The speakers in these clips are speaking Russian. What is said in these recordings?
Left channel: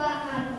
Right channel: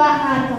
爸爸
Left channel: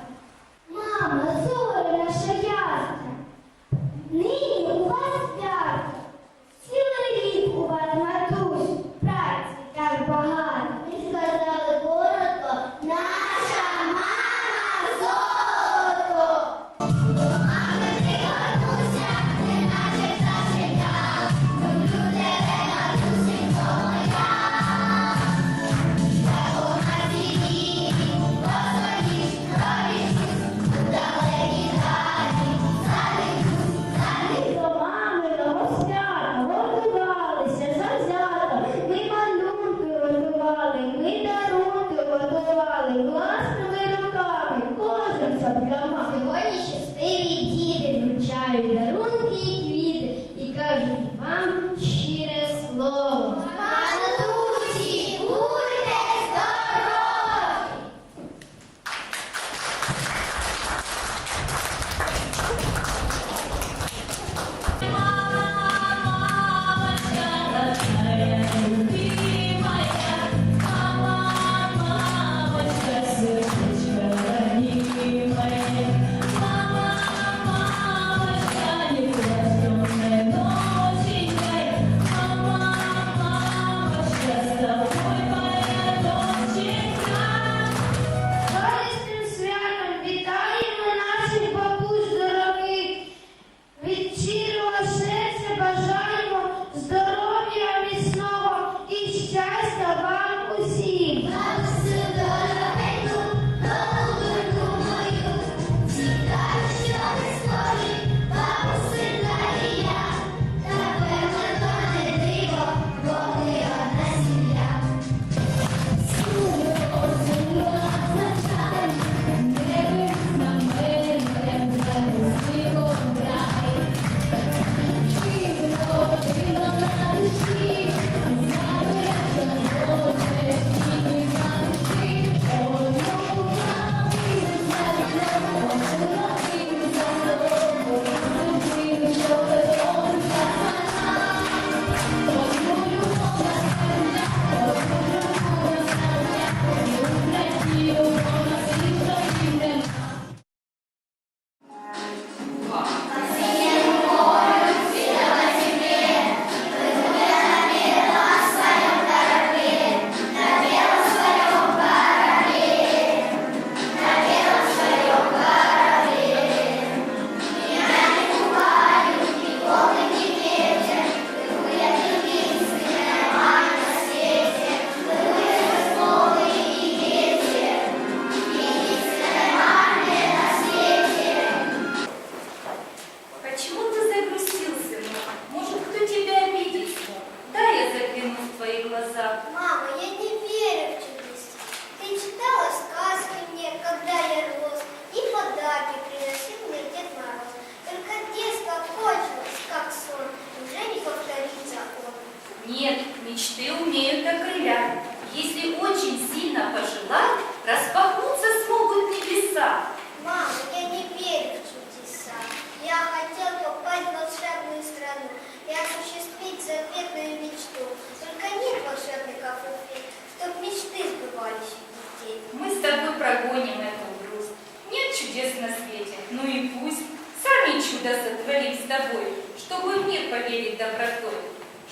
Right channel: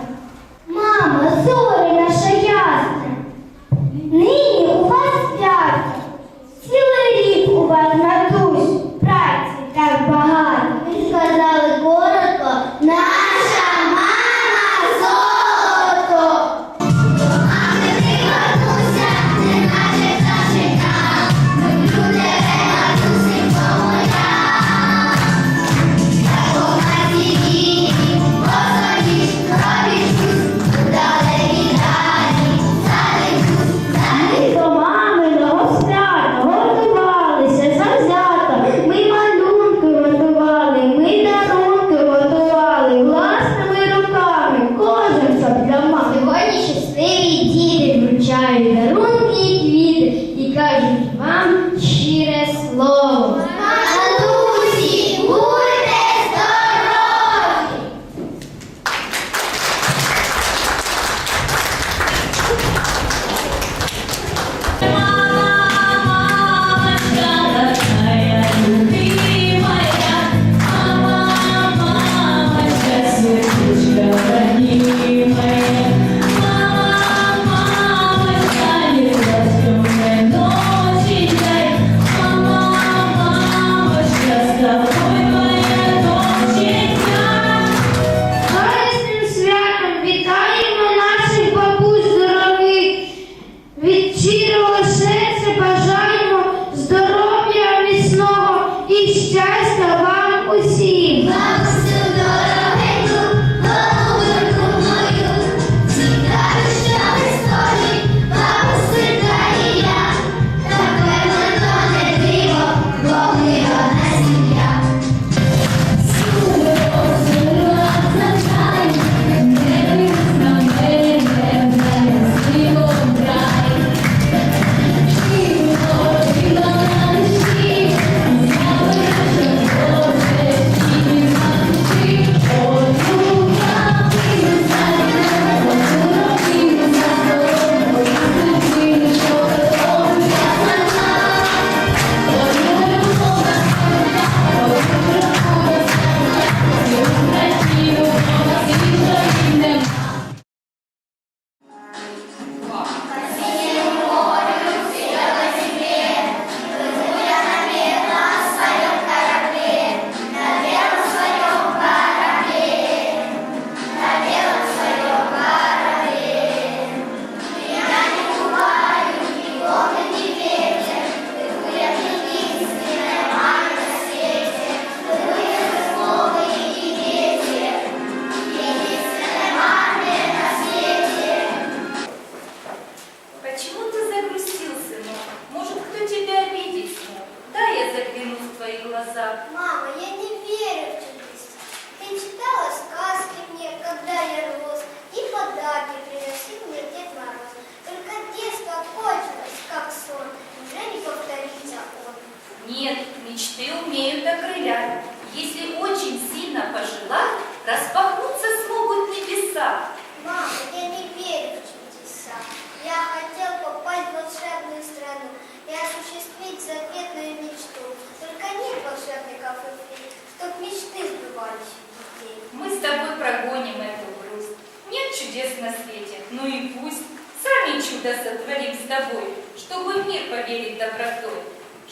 мечты умеют окрылять. Если очень сильно пожелать, распахнуться смогут небеса. Мама, я не верю в чудеса. Я хотел попасть в волшебную страну и осуществить заветную мечту. Только нет волшебников и фей, чтоб мечты сбывались у детей. Мы с тобой прогоним эту грусть. Нет чудес на свете, ну и пусть. Сами чудо сотворим с тобой, чтобы в мир поверить добротой.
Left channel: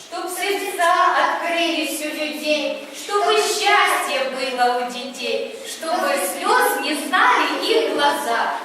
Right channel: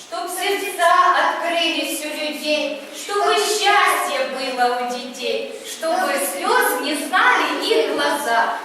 Чтоб сердца открылись у людей, чтобы счастье было у детей, чтобы слез не знали их глаза,